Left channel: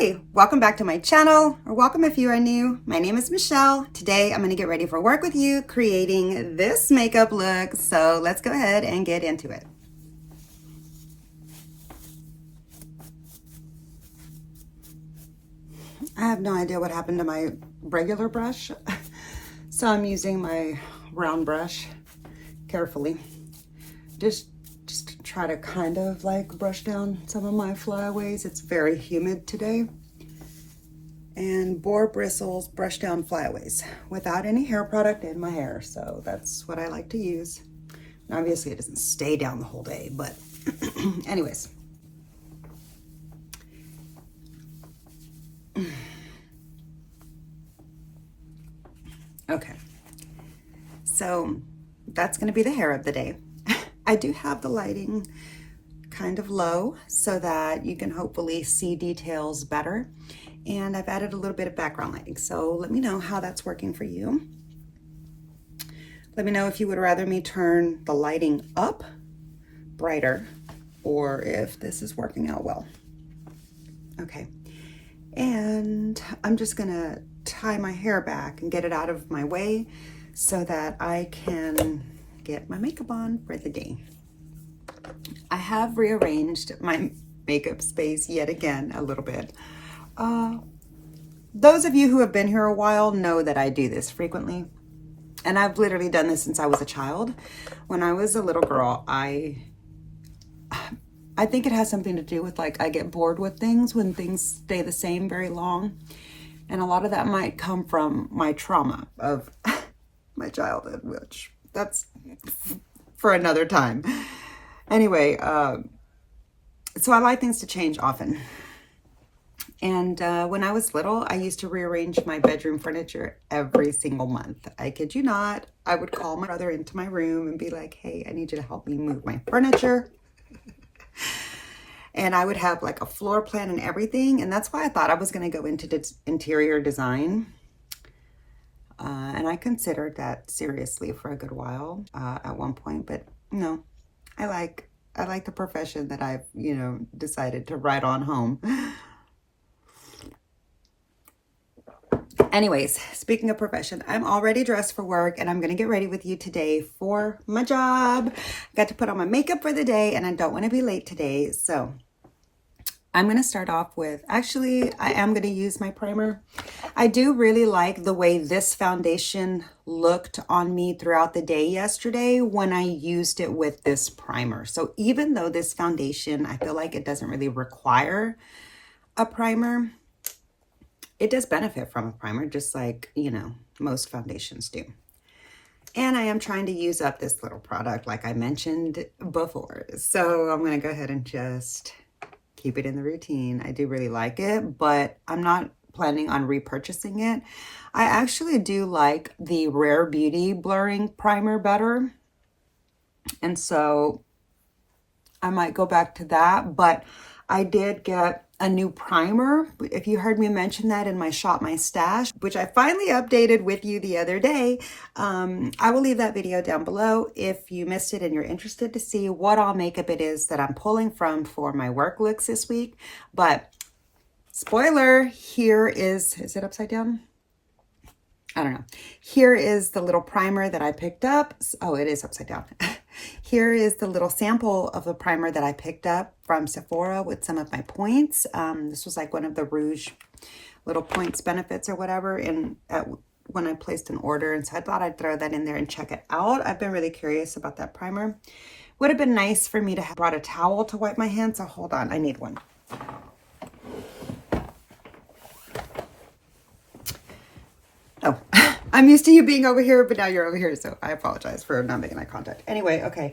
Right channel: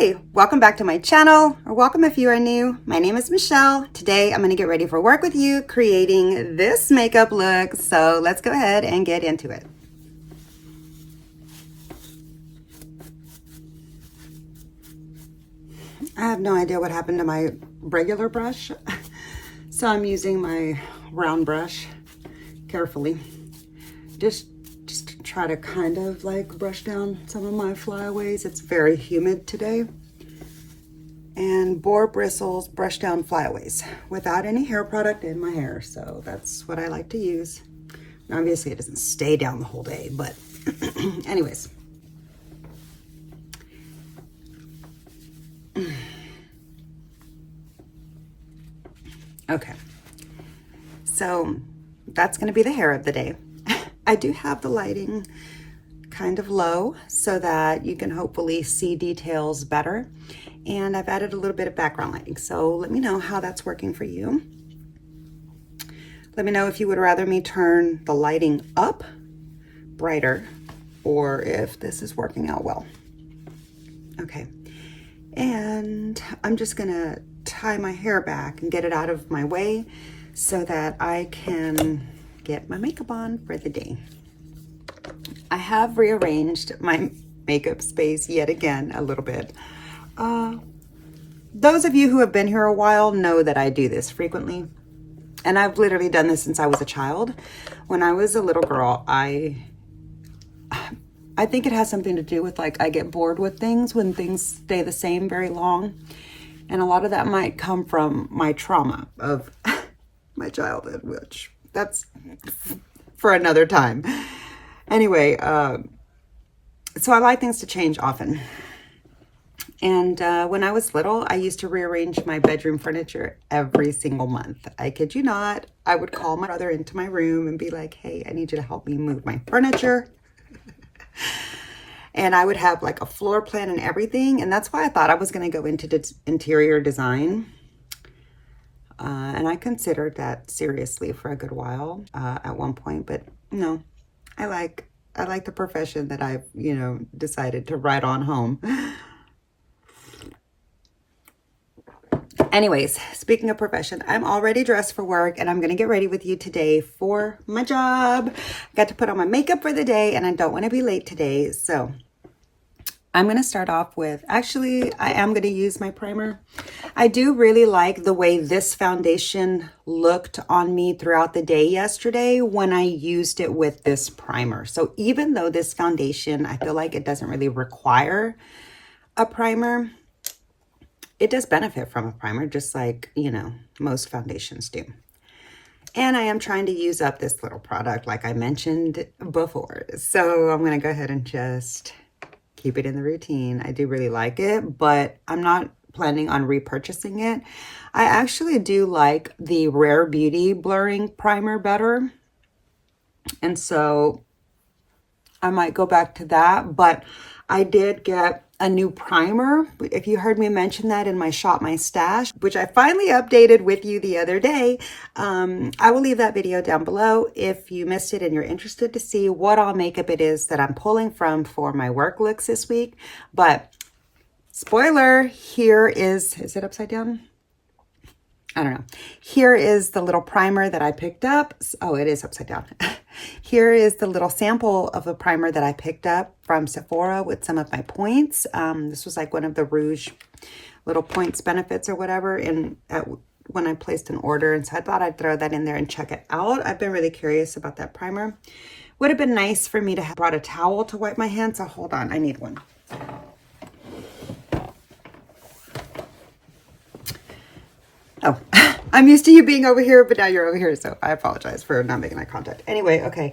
Hi, welcome back to my channel, or welcome if you are new. My name is Michelle. Today I'm going to get ready for work with you creating this makeup look. So let's go ahead and get into it. I have no idea what happened to my regular brush. So I'm using my round brush carefully. Just to try to kind of like brush down some of my flyaways. It's very humid today. And boar bristles brush down flyaways without any hair product in my hair. So that's what I like to use. And obviously it doesn't stay down the whole day, but anyways. Okay, so that's gonna be the hair of the day. I do have the lighting kind of low so that you can hopefully see details better. And I've added a little bit of background lighting. So let me know how that's working for you. Let me know if you would rather me turn the lighting up brighter or if this is working out well. Okay, and I'm just gonna tie my hair back and get it out of my way so that I can get my makeup on for the day. I have rearranged my makeup space yet again a little bit. Those of you who have been here a while know that I do this frequently, and I've literally done this since I was a child. When I was a little girl, I think it has something to do with like I get bored with things when things stay the same very long, and a lot of that might come from my trauma of my childhood, which that's for another time. Anyway, so I like things to change often. And when I was little, I used to rearrange my bedroom furniture every single month. I kid you not. I would call my brother into my room and be like, hey, I need you to help me move my furniture. And I would have like a floor plan and everything. And that's why I thought I was going to go into interior design. And I considered that seriously for a good while at one point, but no, I like the profession that I've, decided to ride on home. Anyways, speaking of profession, I'm already dressed for work and I'm going to get ready with you today for my job. Got to put on my makeup for the day and I don't want to be late today. So I'm going to start off with, actually, I am going to use my primer. I do really like the way this foundation looked on me throughout the day yesterday when I used it with this primer. So even though this foundation, I feel like it doesn't really require a primer, it does benefit from a primer, just like, most foundations do. And I am trying to use up this little product like I mentioned before. So I'm going to go ahead and just keep it in the routine. I do really like it, but I'm not planning on repurchasing it. I actually do like the Rare Beauty blurring primer better. And so I might go back to that, but I did get a new primer. If you heard me mention that in my Shop My Stash, which I finally updated with you the other day, I will leave that video down below if you missed it and you're interested to see what all makeup it is that I'm pulling from for my work looks this week. But spoiler, here is it upside down? I don't know. Here is the little primer that I picked up. Oh, it is upside down. Here is the little sample of a primer that I picked up from Sephora with some of my points. This was like one of the Rouge little points benefits or whatever when I placed an order. And so I thought I'd throw that in there and check it out. I've been really curious about that primer. Would have been nice for me to have brought a towel to wipe my hands. So hold on, I need one. Oh, I'm used to you being over here, but now you're over here, so I apologize for not making eye contact. Anyway, okay.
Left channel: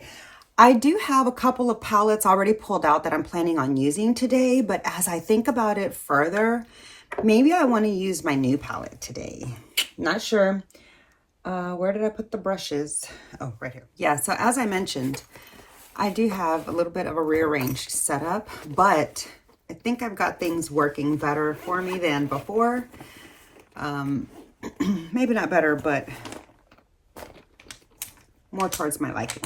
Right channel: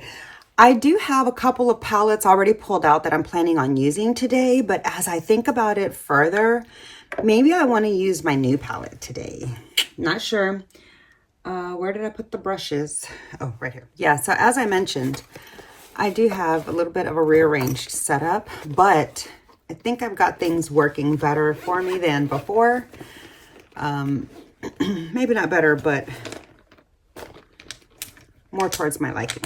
I do have a couple of palettes already pulled out that I'm planning on using today, but as I think about it further, maybe I want to use my new palette today. Not sure. Where did I put the brushes? Oh, right here. Yeah, so as I mentioned, I do have a little bit of a rearranged setup, but I think I've got things working better for me than before. Maybe not better, but more towards my liking.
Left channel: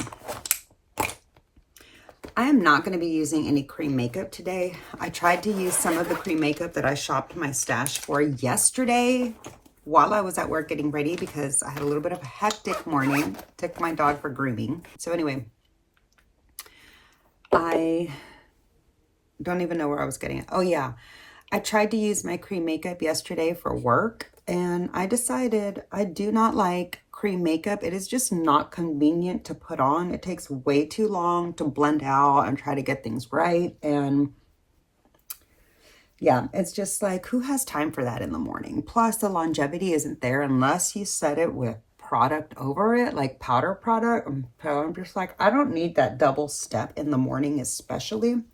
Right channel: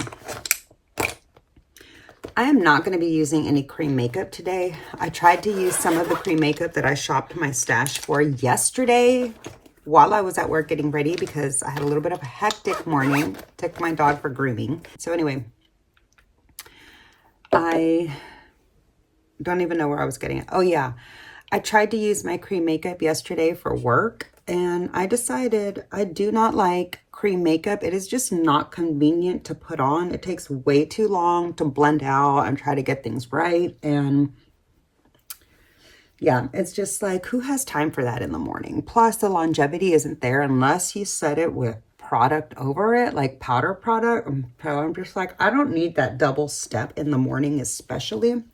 I am not going to be using any cream makeup today. I tried to use some of the cream makeup that I shopped my stash for yesterday while I was at work getting ready because I had a little bit of a hectic morning. Took my dog for grooming. So anyway, I don't even know where I was getting it. Oh yeah, I tried to use my cream makeup yesterday for work and I decided I do not like cream makeup. It is just not convenient to put on. It takes way too long to blend out and try to get things right. And yeah, it's just like, who has time for that in the morning? Plus the longevity isn't there unless you set it with product over it, like powder product. So I'm just like, I don't need that double step in the morning, especially.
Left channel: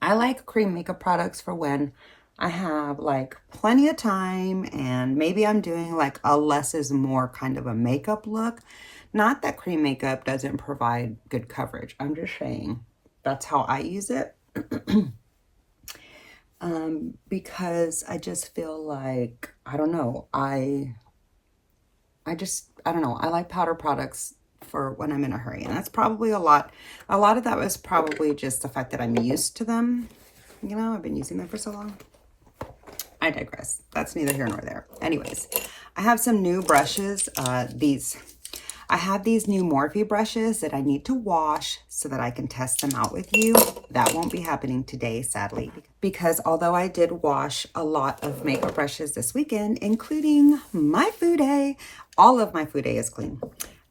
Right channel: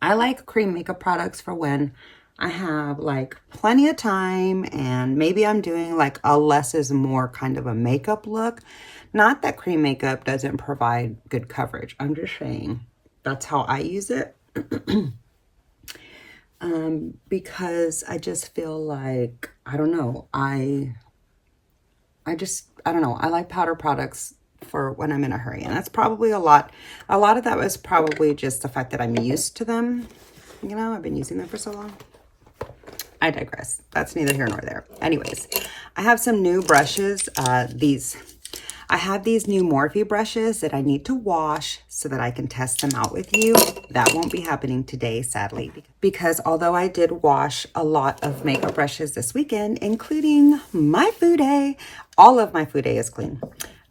I like cream makeup products for when I have like plenty of time and maybe I'm doing like a less is more kind of a makeup look. Not that cream makeup doesn't provide good coverage. I'm just saying that's how I use it. Because I just feel like, I don't know, I don't know. I like powder products for when I'm in a hurry. And that's probably a lot of that was probably just the fact that I'm used to them. You know, I've been using them for so long. I digress. That's neither here nor there. Anyways, I have some new brushes. I have these new Morphe brushes that I need to wash so that I can test them out with you. That won't be happening today, sadly, because although I did wash a lot of makeup brushes this weekend, including my Fude, all of my Fude is clean,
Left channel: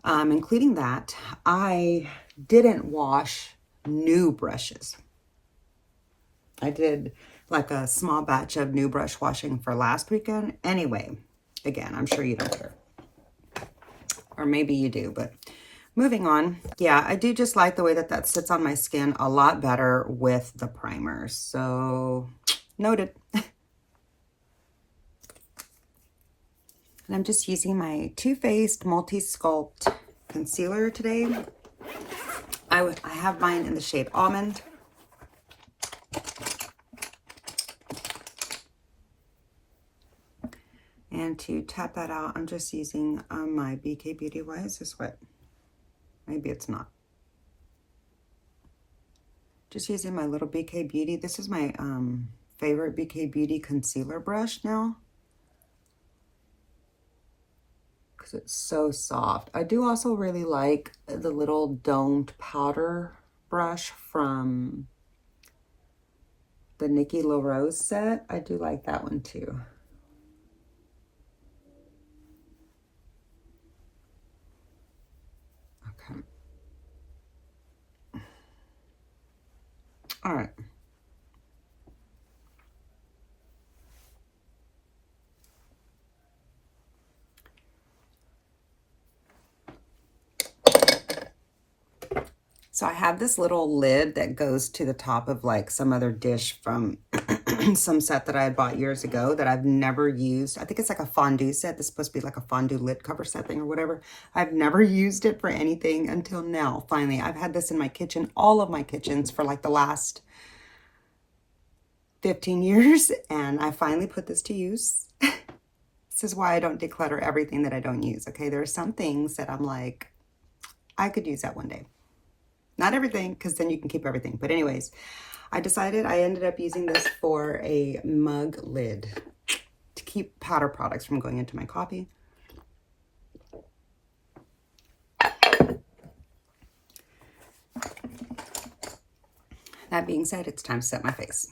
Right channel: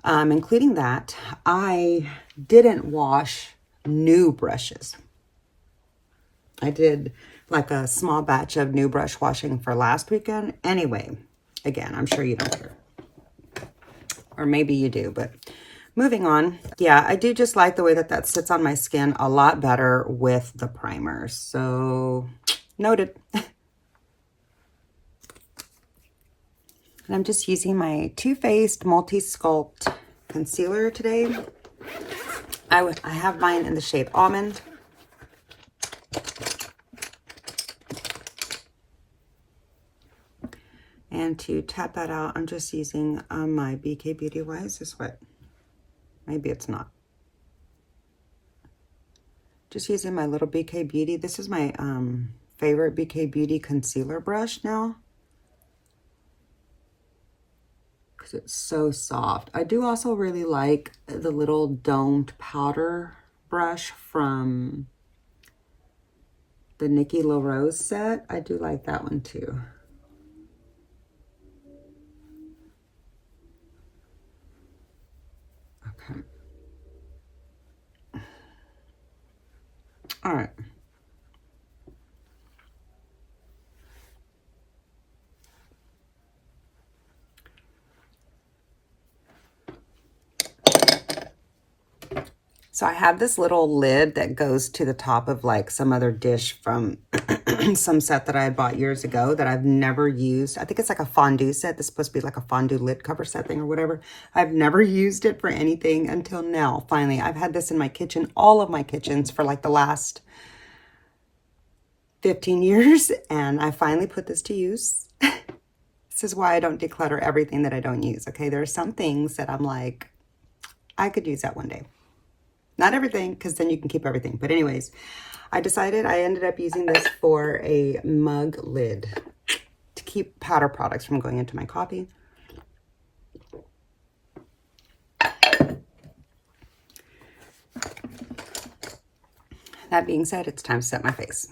including that, I didn't wash new brushes. I did like a small batch of new brush washing for last weekend. Anyway, again, I'm sure you don't care. Or maybe you do, but moving on. Yeah, I do just like the way that that sits on my skin a lot better with the primer. So, noted. And I'm just using my Too Faced Multi-Sculpt Concealer today. I have mine in the shade Almond. And to tap that out, I'm just using my BK Beauty. Why is this wet? Maybe it's not. Just using my little BK Beauty. This is my favorite BK Beauty concealer brush now, because it's so soft. I do also really like the little domed powder brush from the Nikki LaRose set. I do like that one too. Okay. All right. So I have this little lid that goes to the top of like some other dish from some set that I had bought years ago that I've never used. I think it's like a fondue set. This is supposed to be like a fondue lid cover set thing or whatever. I've never used it for anything until now. Finally, I've had this in my kitchen, all of my kitchens for like the last 15 years. And I finally put this to use. This is why I don't declutter everything that I don't use. Okay, there are some things that I'm like, I could use that one day. Not everything, because then you can keep everything. But anyways, I ended up using this for a mug lid to keep powder products from going into my coffee. That being said, it's time to set my face.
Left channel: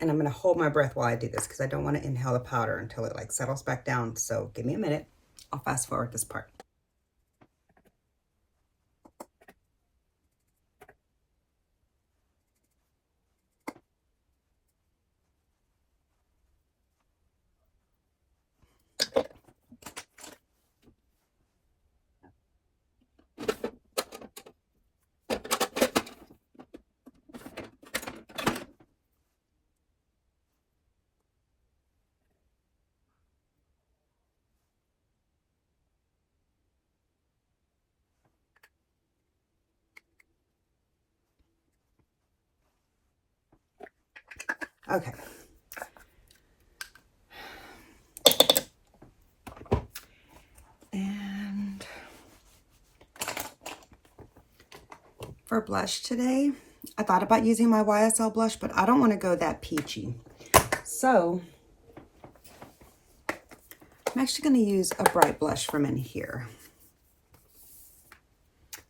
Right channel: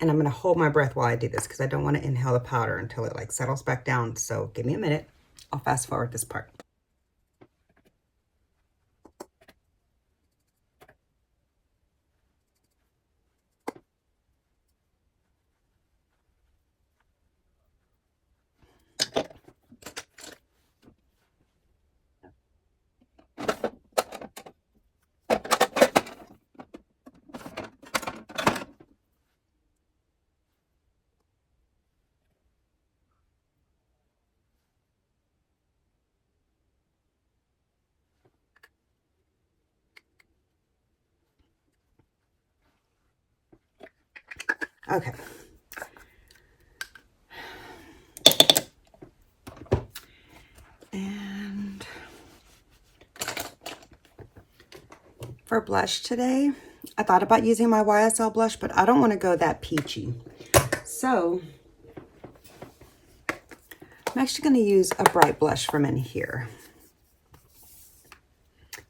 And I'm going to hold my breath while I do this because I don't want to inhale the powder until it like settles back down. So give me a minute. I'll fast forward this part. Okay. For blush today, I thought about using my YSL blush, but I don't want to go that peachy. So I'm actually going to use a bright blush from in here.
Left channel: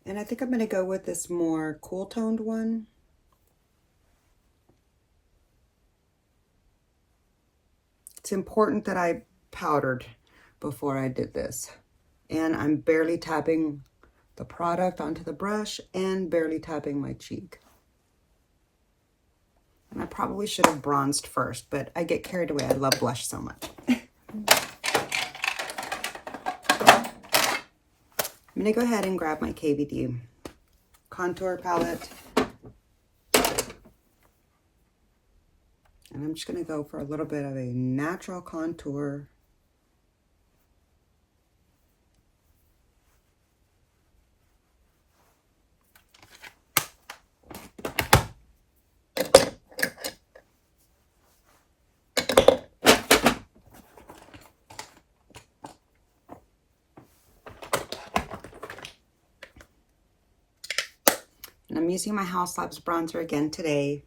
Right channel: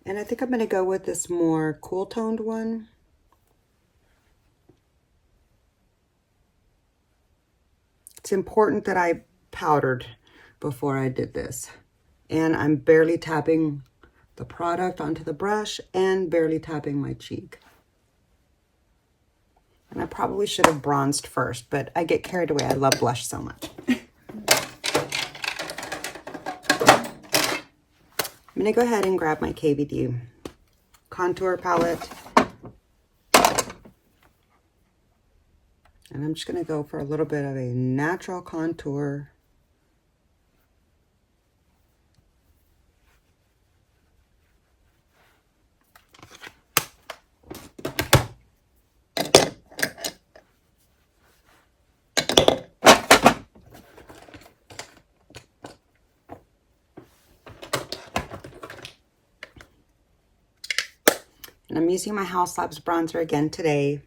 And I think I'm going to go with this more cool toned one. It's important that I powdered before I did this. And I'm barely tapping the product onto the brush and barely tapping my cheek. And I probably should have bronzed first, but I get carried away. I love blush so much. I'm going to go ahead and grab my KVD contour palette. And I'm just going to go for a little bit of a natural contour. And I'm using my House Labs bronzer again today.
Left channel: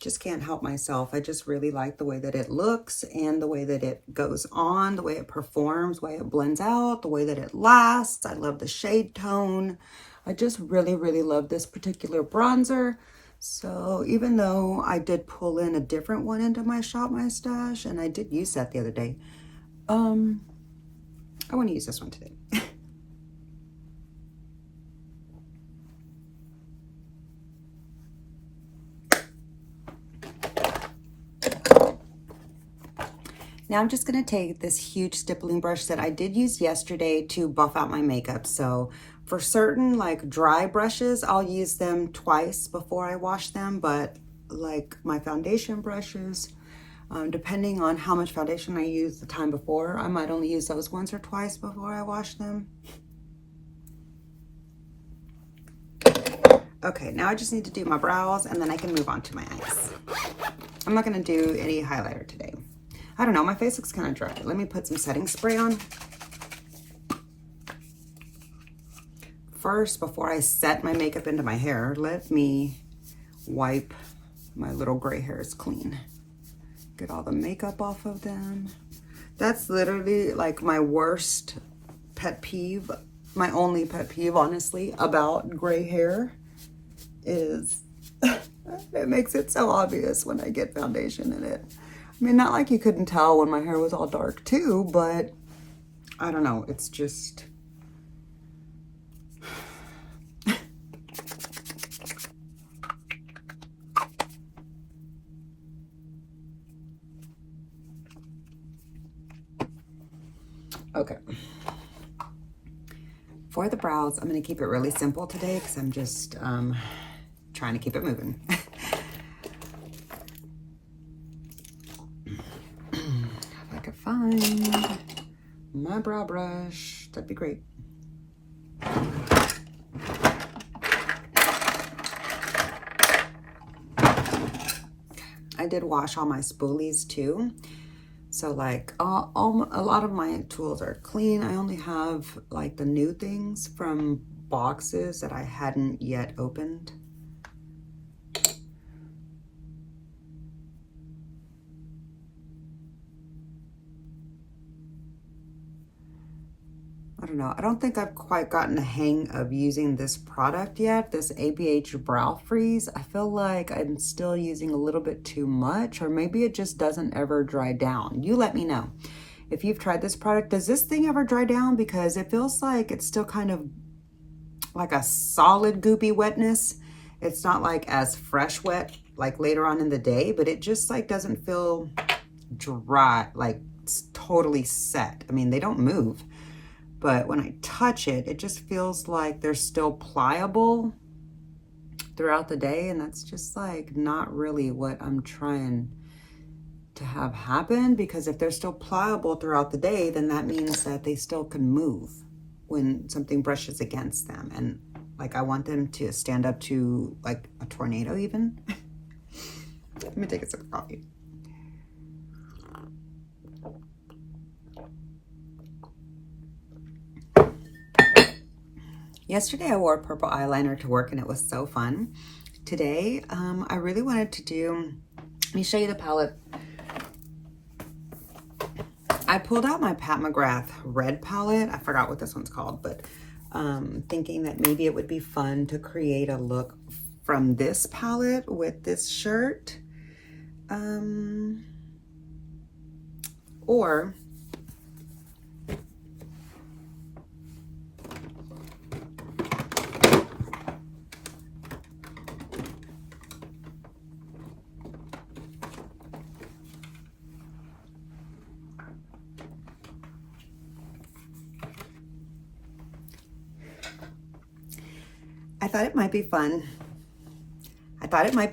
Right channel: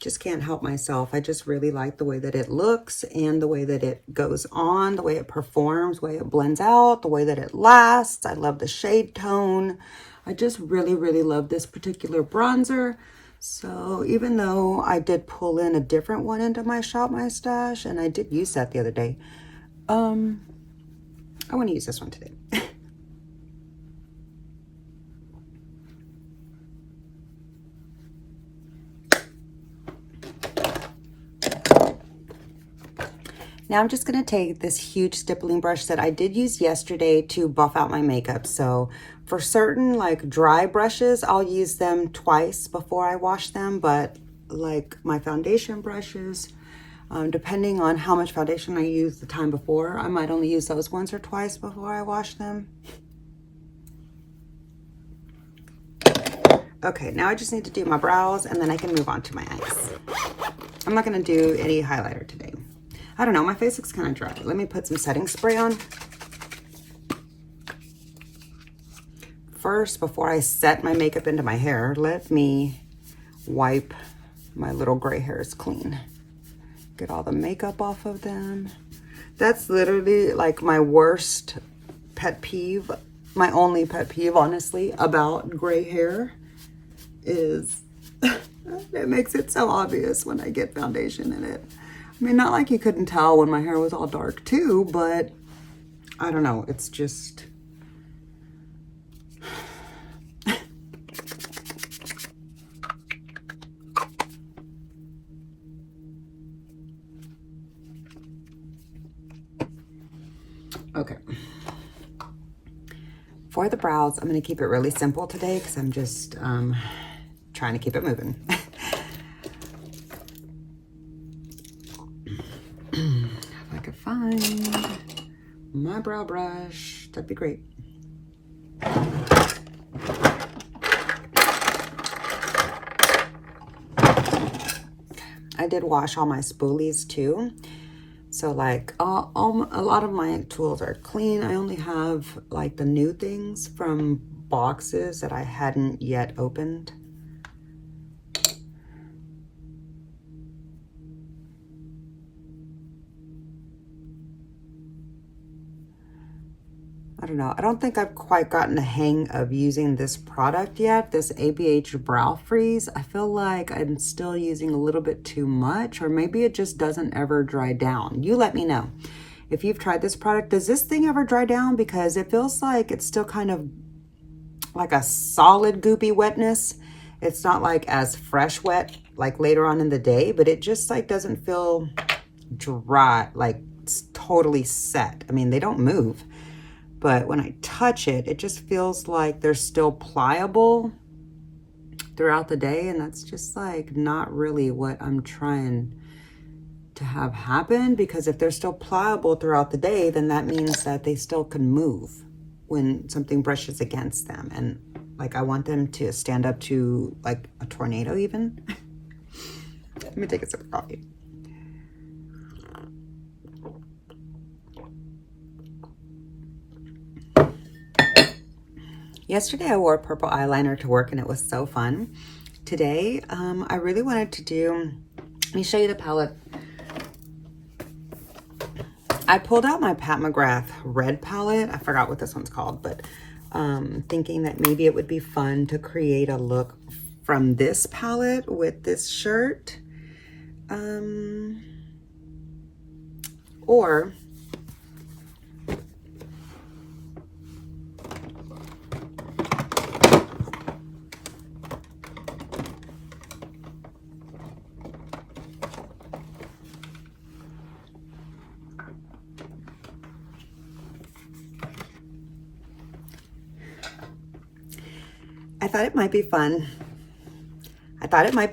Just can't help myself. I just really like the way that it looks and the way that it goes on, the way it performs, the way it blends out, the way that it lasts. I love the shade tone. I just really, really love this particular bronzer. So even though I did pull in a different one into my Shop My Stash, and I did use that the other day, I want to use this one today. Now I'm just going to take this huge stippling brush that I did use yesterday to buff out my makeup. So for certain like dry brushes, I'll use them twice before I wash them. But like my foundation brushes, depending on how much foundation I used the time before, I might only use those once or twice before I wash them. Okay, now I just need to do my brows and then I can move on to my eyes. I'm not going to do any highlighter today. I don't know, my face looks kind of dry. Let me put some setting spray on. First, before I set my makeup into my hair, let me wipe my little gray hairs clean. Get all the makeup off of them. That's literally like my worst pet peeve, my only pet peeve, honestly, about gray hair is it makes it so obvious when I get foundation in it. I mean, not like you couldn't tell when my hair was all dark too, but I don't know, it's just... Okay. For the brows, I'm going to keep it really simple today because I'm just trying to keep it moving. If I could find my brow brush, that'd be great. I did wash all my spoolies too. So like a lot of my tools are clean. I only have like the new things from boxes that I hadn't yet opened. I don't know. I don't think I've quite gotten the hang of using this product yet, this ABH Brow Freeze. I feel like I'm still using a little bit too much, or maybe it just doesn't ever dry down. You let me know. If you've tried this product, does this thing ever dry down? Because it feels like it's still kind of like a solid goopy wetness. It's not like as fresh wet like later on in the day, but it just like doesn't feel dry, like it's totally set. I mean, they don't move. But when I touch it, it just feels like they're still pliable throughout the day. And that's just like not really what I'm trying to have happen. Because if they're still pliable throughout the day, then that means that they still can move when something brushes against them. And like I want them to stand up to like a tornado even. Let me take a sip of coffee. Yesterday I wore purple eyeliner to work and it was so fun. Today, I really wanted to do, let me show you the palette. I pulled out my Pat McGrath red palette. I forgot what this one's called, but thinking that maybe it would be fun to create a look from this palette with this shirt. Or I thought it might be fun. I thought it might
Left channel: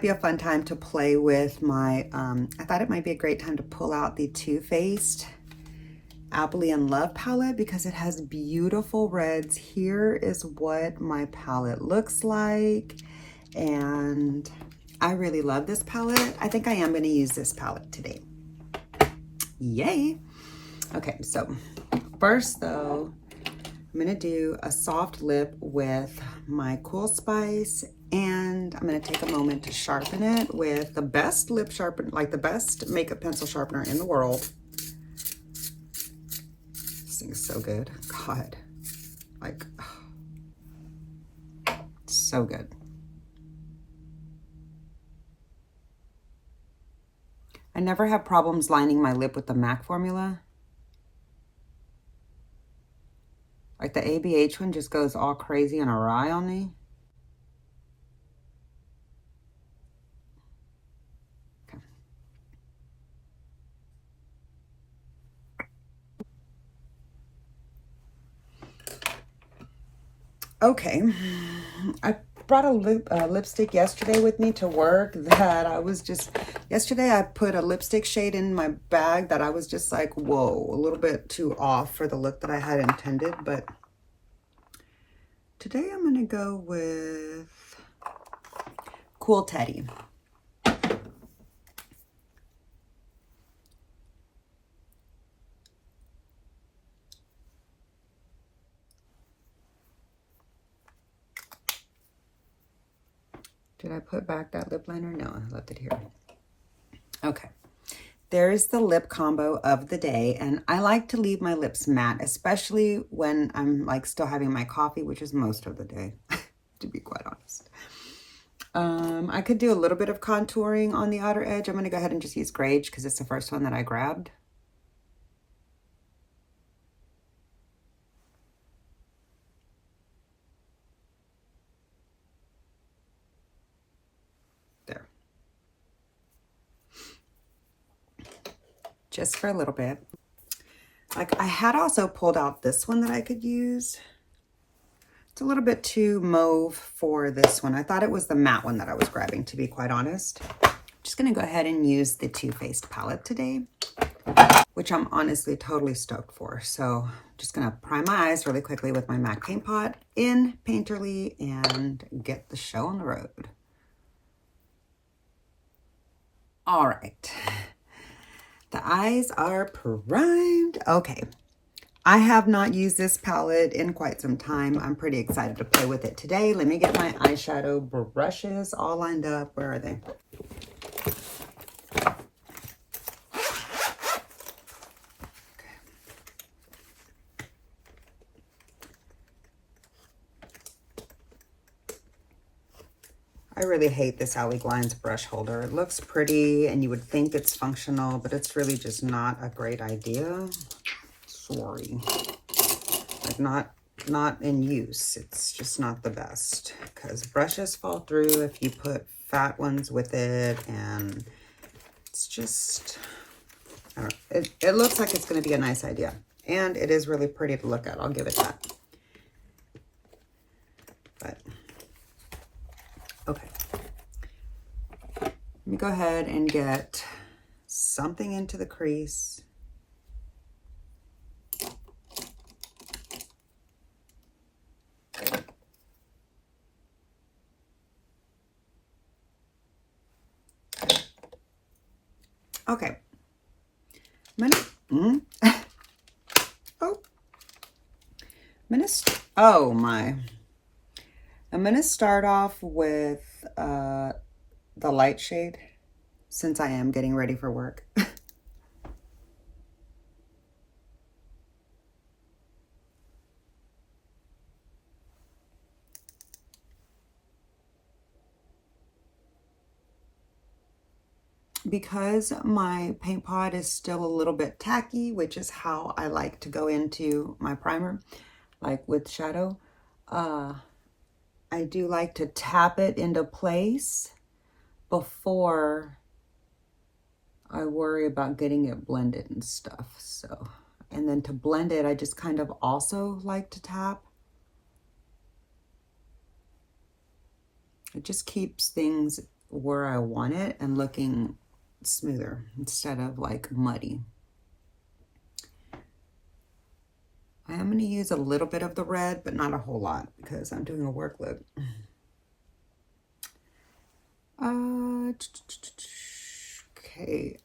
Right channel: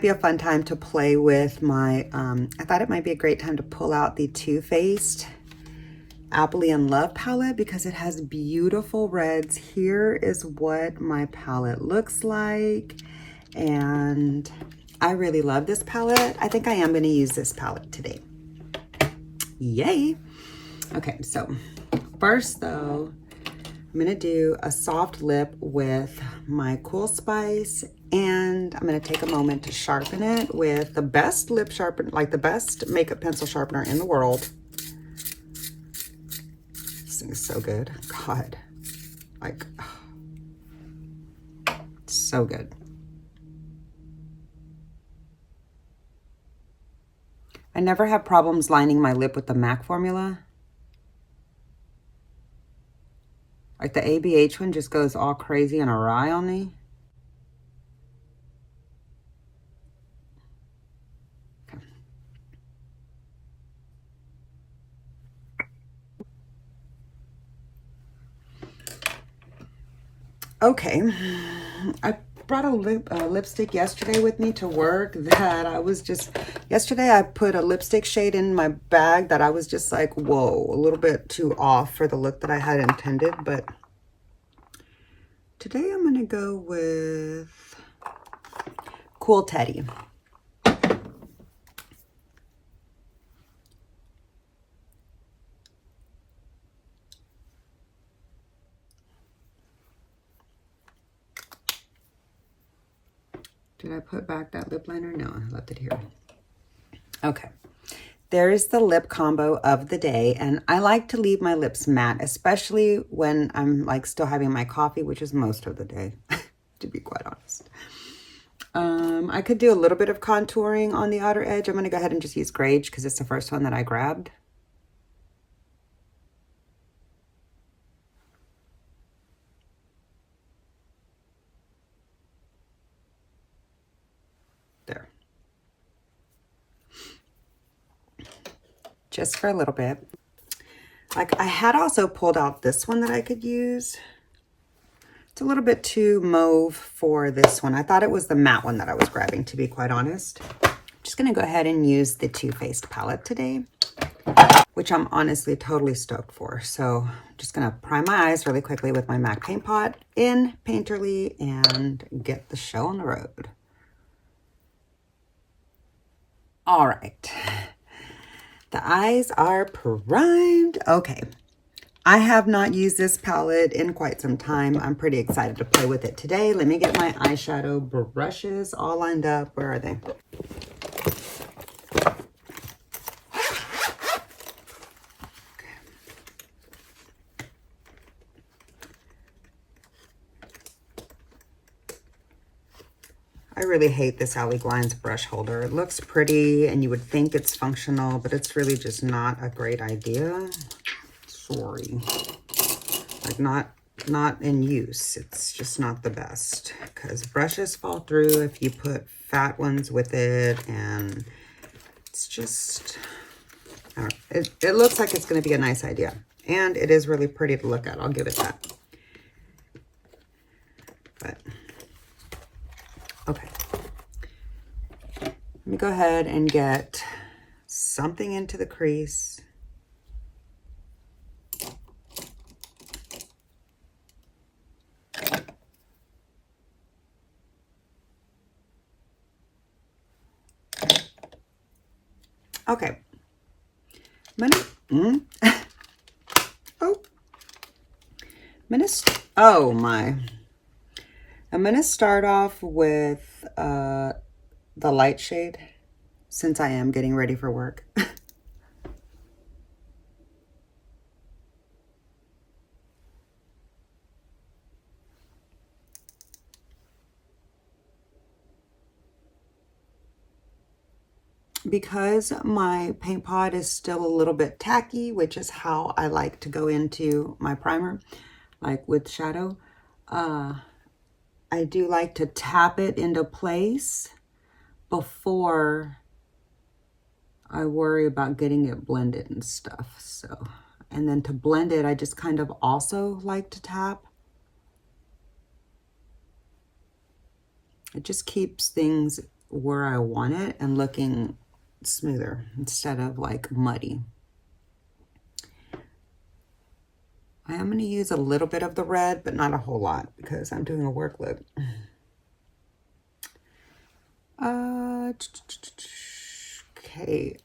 be a fun time to play with my, I thought it might be a great time to pull out the Too Faced Appley and Love palette because it has beautiful reds. Here is what my palette looks like. And I really love this palette. I think I am going to use this palette today. Yay. Okay, so first though, I'm gonna do a soft lip with my Cool Spice, and I'm gonna take a moment to sharpen it with the best lip sharpener, like the best makeup pencil sharpener in the world. This thing is so good. God, like, so good. I never have problems lining my lip with the MAC formula. Like the ABH one just goes all crazy and awry on me. Okay, I brought a lipstick yesterday with me to work that I was just, yesterday I put a lipstick shade in my bag that I was just like, whoa, a little bit too off for the look that I had intended, but today I'm gonna go with Cool Teddy. Did I put back that lip liner? No, I left it here. Okay, there's the lip combo of the day, and I like to leave my lips matte, especially when I'm like still having my coffee, which is most of the day, to be quite honest. I could do a little bit of contouring on the outer edge. I'm gonna go ahead and just use Grage because it's the first one that I grabbed. There. Just for a little bit. Like I had also pulled out this one that I could use. It's a little bit too mauve for this one. I thought it was the matte one that I was grabbing, to be quite honest. I'm just gonna go ahead and use the Too Faced palette today, which I'm honestly totally stoked for. So I'm just gonna prime my eyes really quickly with my MAC paint pot in Painterly and get the show on the road. All right, the eyes are primed. Okay, I have not used this palette in quite some time. I'm pretty excited to play with it today. Let me get my eyeshadow brushes all lined up. Where are they? I really hate this Alley Glines brush holder. It looks pretty and you would think it's functional, but it's really just not a great idea. Sorry. Like not in use. It's just not the best because brushes fall through if you put fat ones with it, and it's just, I don't know. It looks like it's going to be a nice idea, and it is really pretty to look at. I'll give it that. But okay, let me go ahead and get something into the crease. Okay, I'm gonna, oh, Oh my. I'm gonna start off with the light shade since I am getting ready for work. Because my paint pot is still a little bit tacky, which is how I like to go into my primer, like with shadow, I do like to tap it into place before I worry about getting it blended and stuff. So, and then to blend it, I just kind of also like to tap. It just keeps things where I want it and looking smoother instead of like muddy. I am going to use a little bit of the red, but not a whole lot because I'm doing a work look. Okay.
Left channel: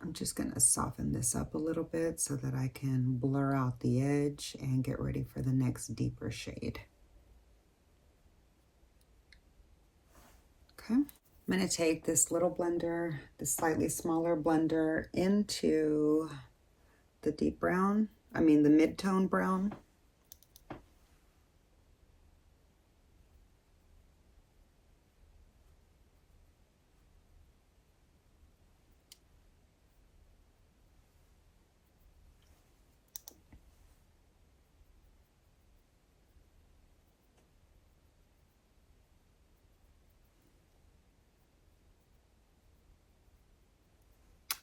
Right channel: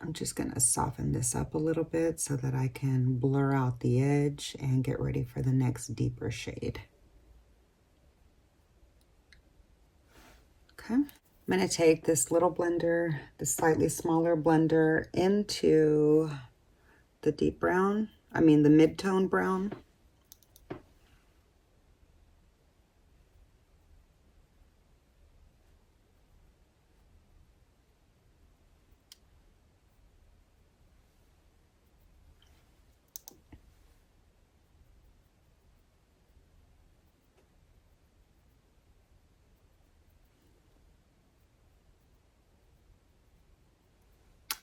I'm just going to soften this up a little bit so that I can blur out the edge and get ready for the next deeper shade. Okay. I'm going to take this little blender, the slightly smaller blender, into the deep brown, the mid-tone brown.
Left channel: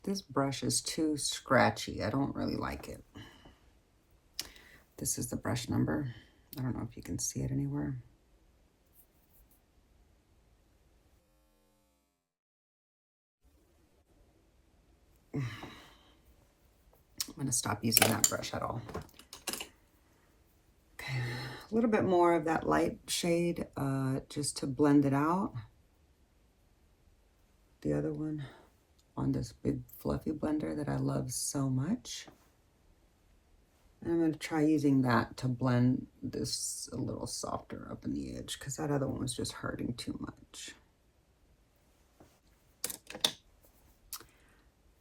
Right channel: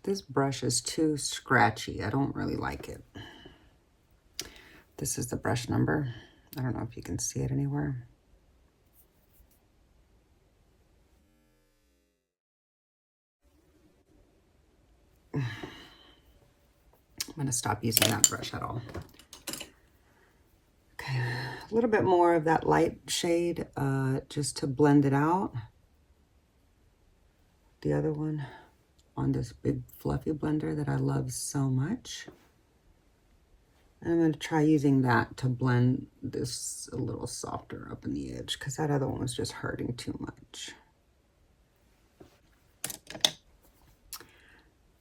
This brush is too scratchy. I don't really like it. This is the brush number. I don't know if you can see it anywhere. I'm going to stop using that brush at all. Okay, a little bit more of that light shade just to blend it out. The other one on this big fluffy blender that I love so much. And I'm going to try using that to blend this a little softer up in the edge because that other one was just hurting too much.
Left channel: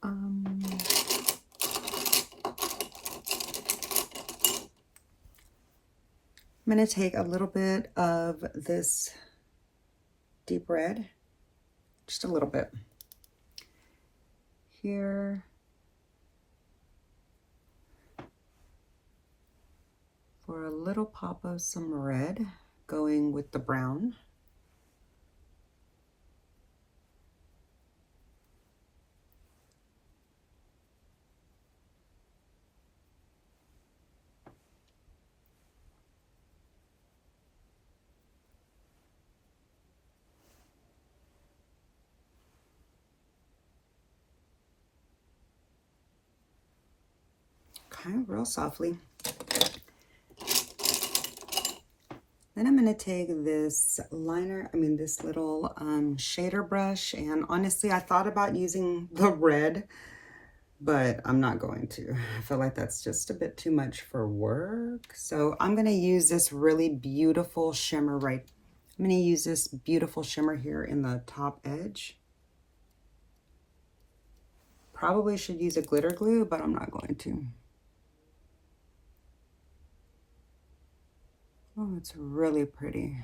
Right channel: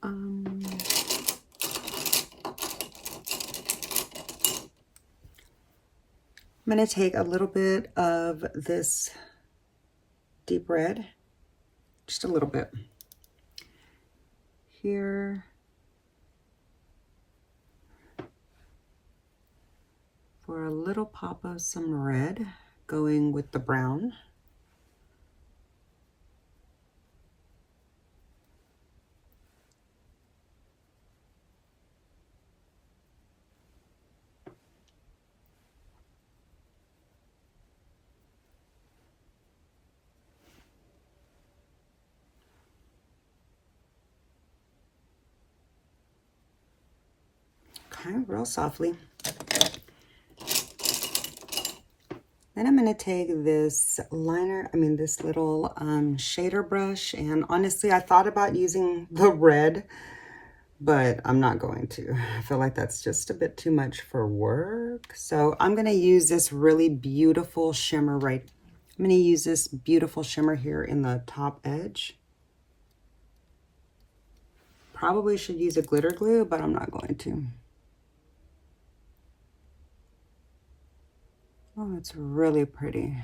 I'm going to take a little bit of this deep red, just a little bit here, for a little pop of some red going with the brown. Okay, real softly. Then I'm going to take this liner, this little shader brush, and honestly, I thought about using the red, but I'm not going to. I feel like that's just a bit too much for work. So I'm going to use this really beautiful shimmer I'm going to use this beautiful shimmer here in the top edge. Probably should use a glitter glue, but I'm not going to. Oh, it's really pretty.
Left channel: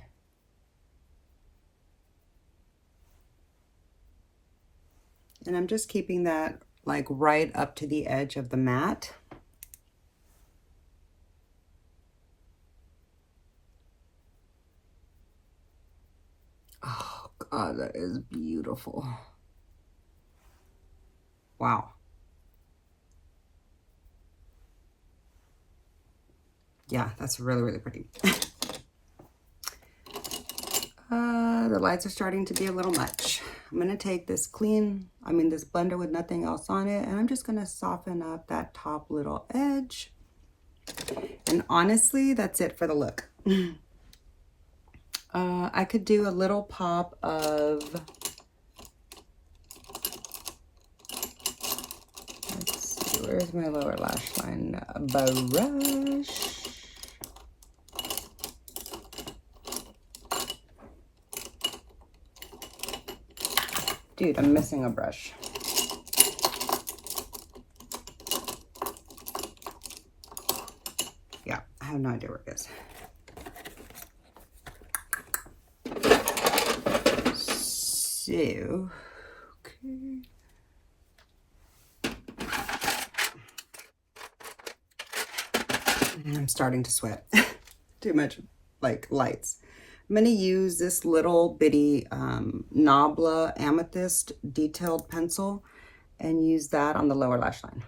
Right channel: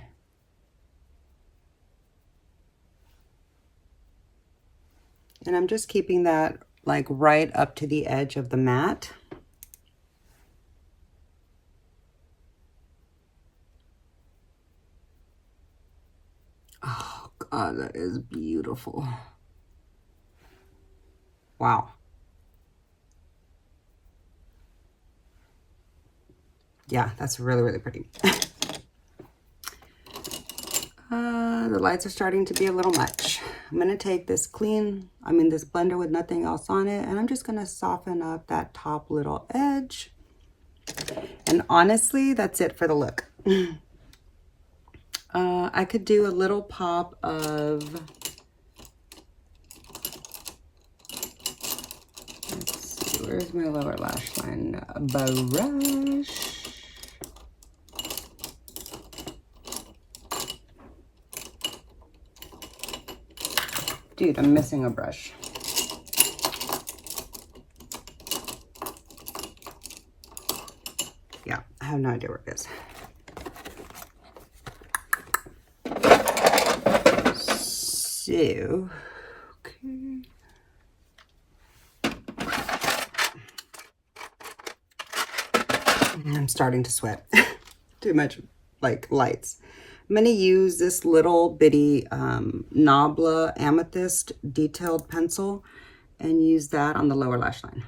And I'm just keeping that like right up to the edge of the mat. Oh God, that is beautiful. Wow. Yeah, that's really, really pretty. The lights are starting to be a little much. I'm going to take this this blender with nothing else on it, and I'm just going to soften up that top little edge. And honestly, that's it for the look. I could do a little pop of, let's see, Where's my lower lash line brush? Dude, I'm missing a brush. Yeah, I have no idea where it is. So, okay. I'm starting to sweat. Too much like lights. I'm going to use this little bitty Nabla Amethyst detailed pencil and use that on the lower lash line.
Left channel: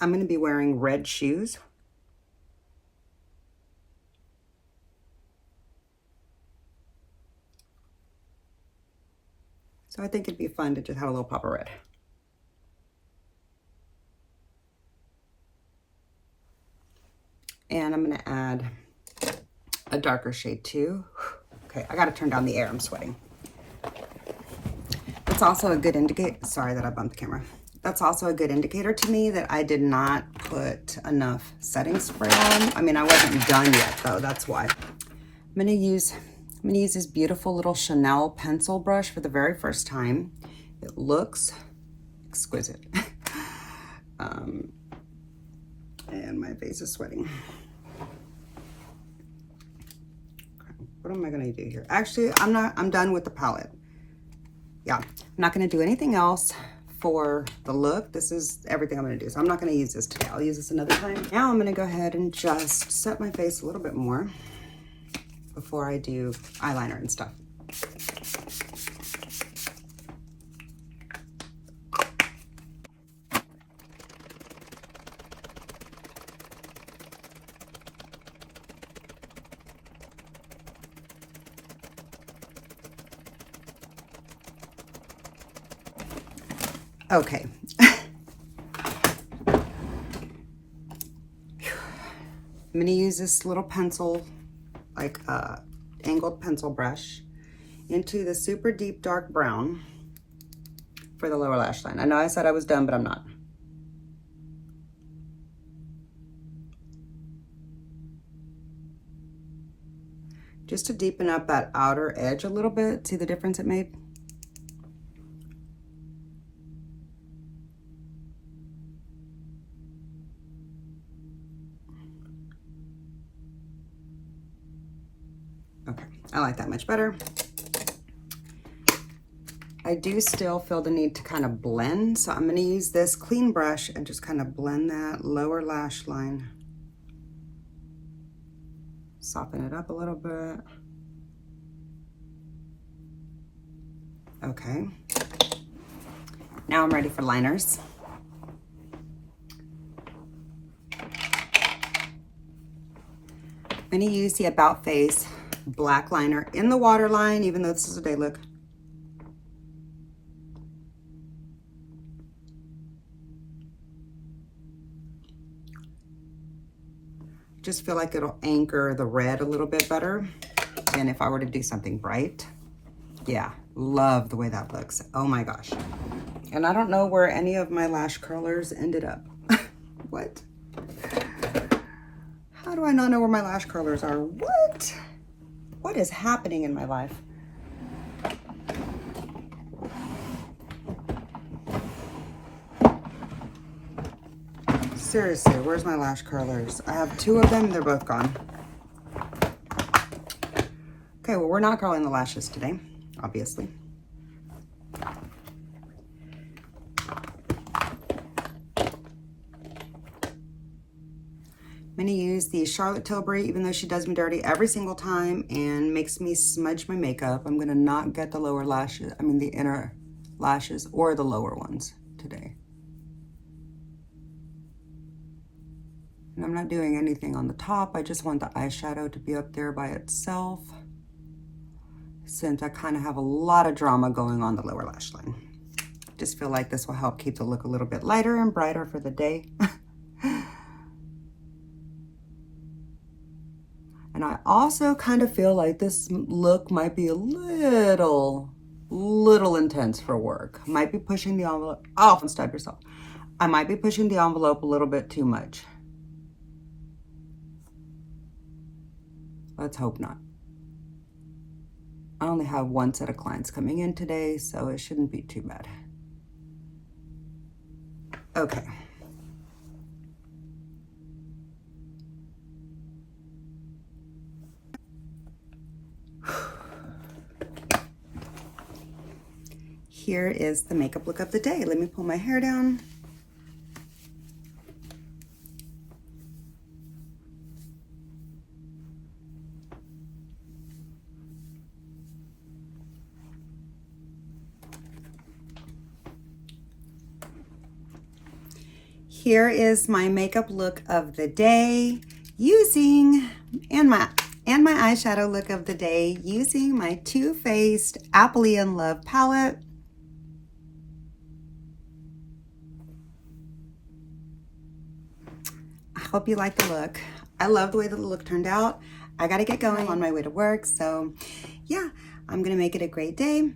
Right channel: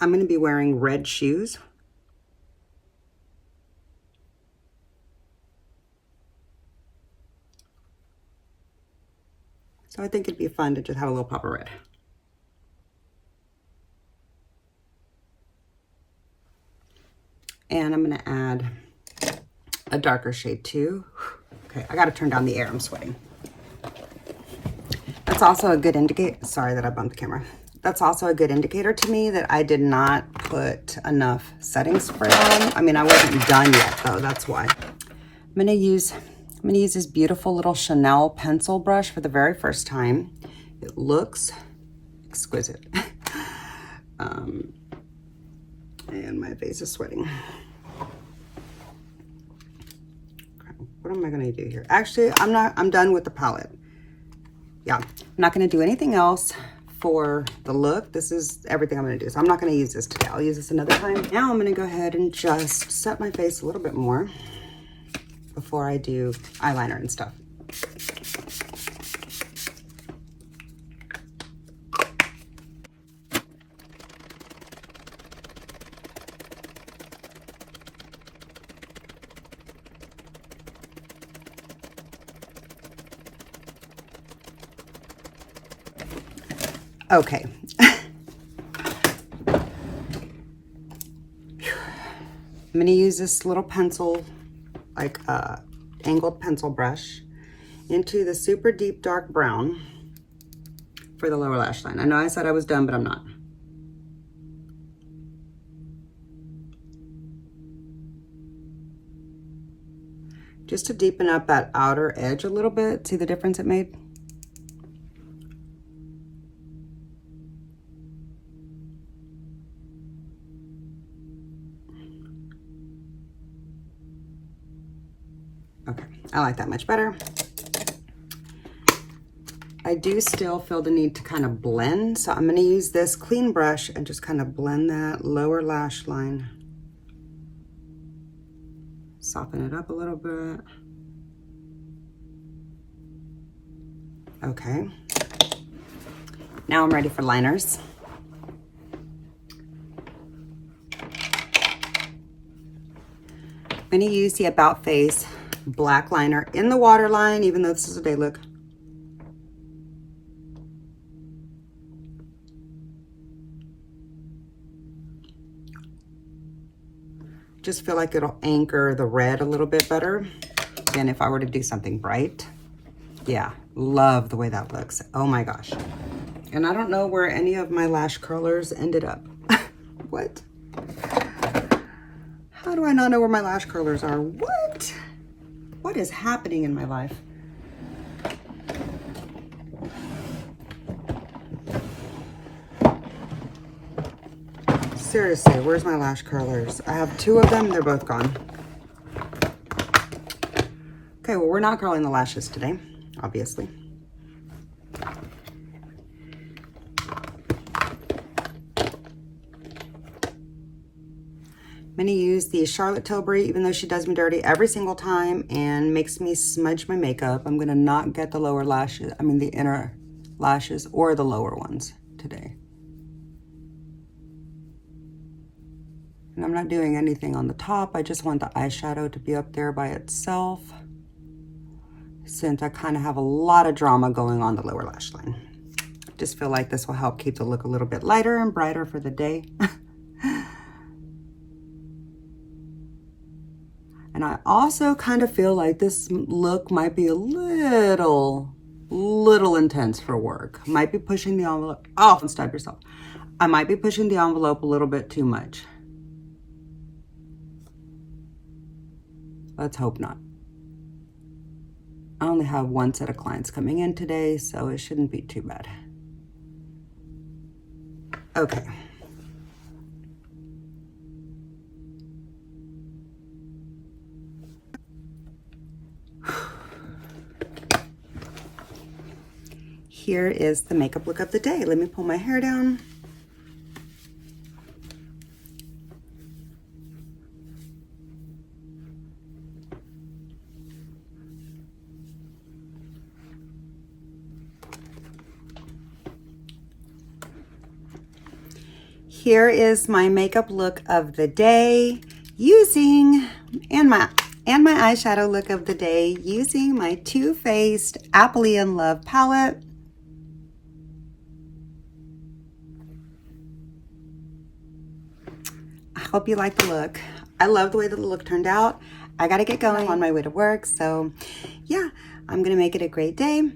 I'm going to be wearing red shoes. So I think it'd be fun to just have a little pop of red. And I'm going to add a darker shade too. Okay, I got to turn down the air. I'm sweating. That's also a good indicator. Sorry that I bumped the camera. That's also a good indicator to me that I did not put enough setting spray on. I mean, I wasn't done yet though. That's why. I'm going to use this beautiful little Chanel pencil brush for the very first time. It looks exquisite. And my face is sweating. Okay, what am I going to do here? Actually, I'm done with the palette. Yeah, I'm not going to do anything else for the look. This is everything I'm going to do. So I'm not going to use this today. I'll use this another time. Now I'm going to go ahead and just set my face a little bit more before I do eyeliner and stuff. Okay. I'm going to use this little pencil, like angled pencil brush, into the super deep dark brown for the lower lash line. I know I said I was done, but I'm not. Just to deepen up that outer edge a little bit. See the difference it made? Okay, I like that much better. I do still feel the need to kind of blend, so I'm going to use this clean brush and just kind of blend that lower lash line. Soften it up a little bit. Okay. Now I'm ready for liners. I'm going to use the About Face black liner in the waterline, even though this is a day look. Just feel like it'll anchor the red a little bit better than if I were to do something bright. Yeah, love the way that looks. Oh my gosh. And I don't know where any of my lash curlers ended up. What? How do I not know where my lash curlers are? What? What is happening in my life? Seriously, where's my lash curlers? I have 2 of them, they're both gone. Okay, well, we're not curling the lashes today, obviously. I'm gonna use the Charlotte Tilbury, even though she does me dirty every single time and makes me smudge my makeup. I'm gonna not get the lower lashes, I mean the inner lashes or the lower ones today. And I'm not doing anything on the top. I just want the eyeshadow to be up there by itself, since I kind of have a lot of drama going on the lower lash line. I just feel like this will help keep the look a little bit lighter and brighter for the day. And And I also kind of feel like this look might be a little intense for work. Might be pushing the envelope. Oh, don't stab yourself. I might be pushing the envelope a little bit too much. Let's hope not. I only have one set of clients coming in today, so it shouldn't be too bad. Okay. Here is the makeup look of the day. Let me pull my hair down. Here is my makeup look of the day using, and my eyeshadow look of the day using my Too Faced Appley in Love palette. I hope you like the look. I love the way the look turned out. I gotta get going on my way to work, so yeah, I'm gonna make it a great day.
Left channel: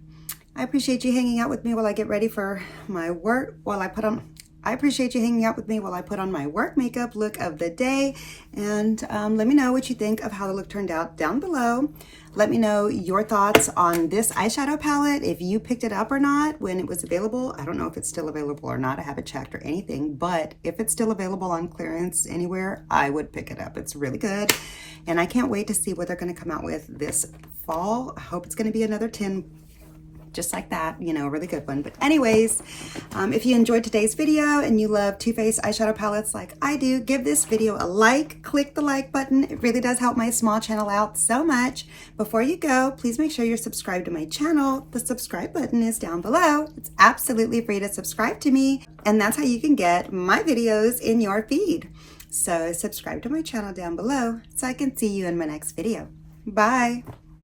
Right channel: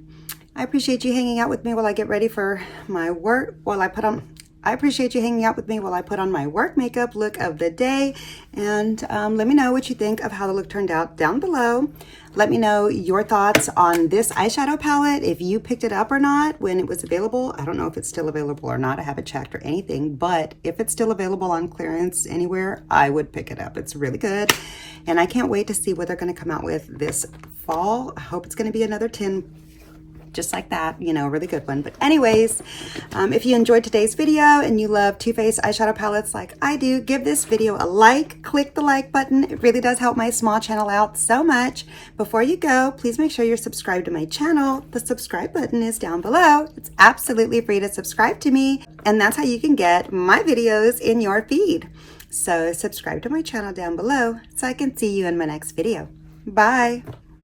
I appreciate you hanging out with me while I get ready for my work, I appreciate you hanging out with me while I put on my work makeup look of the day. And let me know what you think of how the look turned out down below. Let me know your thoughts on this eyeshadow palette, if you picked it up or not when it was available. I don't know if it's still available or not. I haven't checked or anything, but if it's still available on clearance anywhere, I would pick it up. It's really good. And I can't wait to see what they're going to come out with this fall. I hope it's going to be another 10 just like that, you know, really good one. But anyways, if you enjoyed today's video and you love Too Faced eyeshadow palettes like I do, give this video a like. Click the like button. It really does help my small channel out so much. Before you go, please make sure you're subscribed to my channel. The subscribe button is down below. It's absolutely free to subscribe to me, and that's how you can get my videos in your feed. So subscribe to my channel down below so I can see you in my next video. Bye.